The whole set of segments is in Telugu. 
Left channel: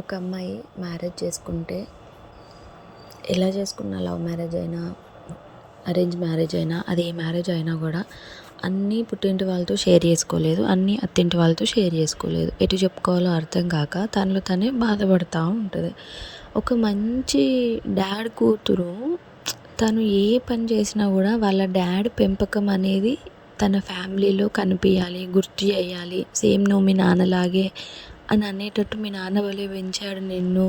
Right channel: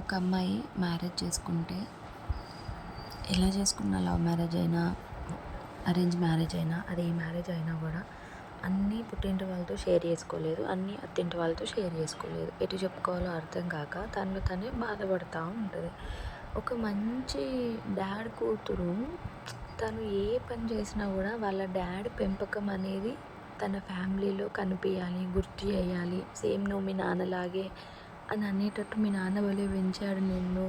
ఒక అమ్మాయి మ్యారేజ్ చేసుకుంటే ఎలా చేసుకున్న లవ్ మ్యారేజ్ అయినా అరేంజ్ మ్యారేజ్ అయినా అది ఏ మ్యారేజ్ అయినా కూడా అన్నీ పుట్టింటి వాళ్ళతో షేర్ చేసుకోలేదు, అన్నీ అత్తింటి వాళ్ళతో షేర్ చేసుకోలేదు. ఎటు చెప్పుకోవాలో అర్థం కాక తనలో తనే బాధపడుతూ ఉంటుంది. ఒక మంచి డాడ్ కూతురు తను ఏ పని చేసినా కూడా వాళ్ళ డాడ్ పెంపకం అనేది తన ఫ్యామిలీలో కనిపించాలి, గుర్తు చేయాలి. సేమ్ నువ్వు మీ నాన్నలాగే అని అనేటట్టు, మీ నాన్న వలే పెంచాడు నిన్ను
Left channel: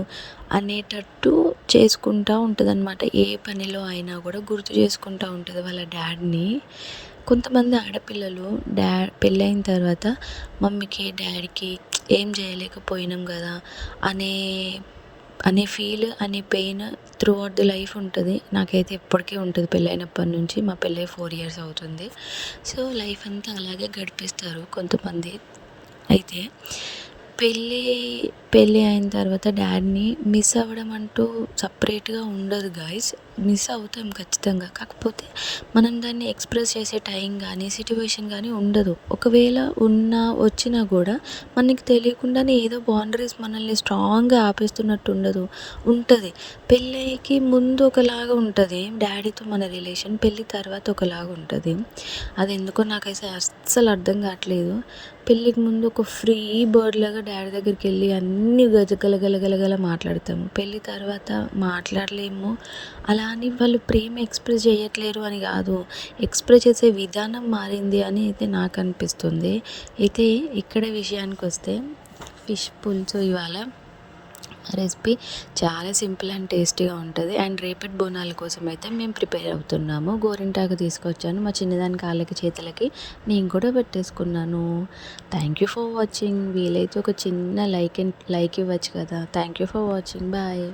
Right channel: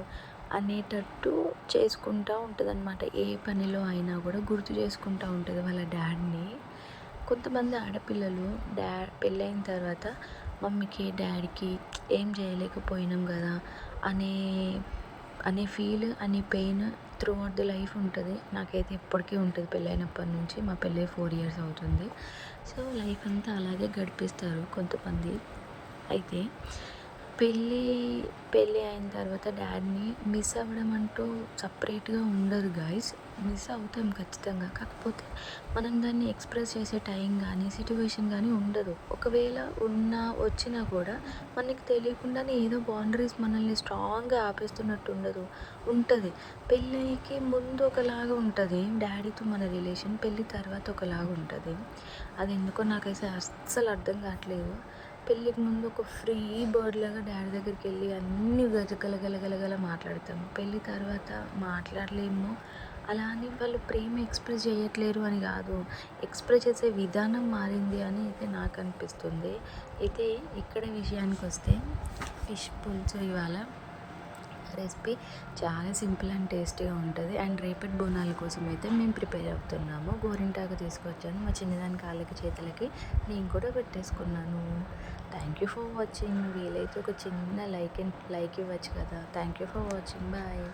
అనేటట్టు చేసుకుంటూ ఉంటుందన్నమాట. ఏ పనిలో అయినా కూడా గుర్తు చేసుకుంటూ ఉంటుంది వాళ్ళ డాడ్ని. కొంతమంది ఆడపిల్లలు పెళ్ళైన తర్వాత మమ్మీకి డాడీకి ఏం చేయలేకపోయినాం కదా అనే అనే ఫీల్, అనే pain through out the life ఉంటుంది. నాకైతే ఎప్పటికీ ఉంటుంది. పెళ్ళైనప్పటి నుంచి, మా పెళ్ళై 4 years అవుతుంది. సో లైఫ్ అంతా అలాగే గడిపేస్తారు కొంతమంది. అయితే పెళ్ళి అయిన తర్వాత డాడీని మిస్ అవ్వడం అంటూ సపరేట్గా ఉండదు గాయస్. మిస్ అవుతాం ఖచ్చితంగా. కాకపోతే మనం దాన్ని ఎక్స్ప్రెస్ చేసే టైం కానీ సిట్యువేషన్ కానీ ఉండదు. ఒకవేళ వచ్చినా కూడా మనకి తెలియకుండానే ఏదో బౌండరీస్ మనల్ని స్ట్రాంగ్గా ఆపేస్తున్నట్టు ఉంటుంది. పెళ్ళికి ముందు ఒకలాగా ఉంటుంది డాడీతో మన రిలేషన్, పెళ్ళి తర్వాత ఒకలాగా ఉంటుంది. అది ఎందుకో నాకైతే అస్సలు అర్థం కావట్లేదు. పెళ్ళికి ముందు ఒక ఫ్రీ బర్డ్ లాగా డాడీ దగ్గరికి వెళ్ళి అన్నీ గలగల మాట్లాడతాము. పెళ్ళి తర్వాత మాట్లాడలేము. అలా అని వాళ్ళు ప్రేమ ఎక్స్ప్రెస్ చేయట్లేరు అని కాదు, ఎక్స్ప్రెస్ చేసే విధానం మారింది అని అయితే నాకు అనిపిస్తుంది. అయితే ఇక్కడ విషయానికి వస్తే ఫిష్ పులుసు ఇవాళ రెసిపీ చాలా సింపుల్ అండ్ టేస్టీగా ఉంటుంది. అండ్ రేపటి బోనాల కోసం అయితే మేము ప్రిపేర్ అవుతున్నాము. గోరింటాకు తీసుకొచ్చాను, మా చిన్నదాని కాళ్ళకి చేతులకి నేను కూడా పెట్టేసుకున్నాను. Thank you for watching. వీలైతే ఒక చిన్న లైక్ ఇవ్వచ్చు కదా. Thank you for watching. Bye.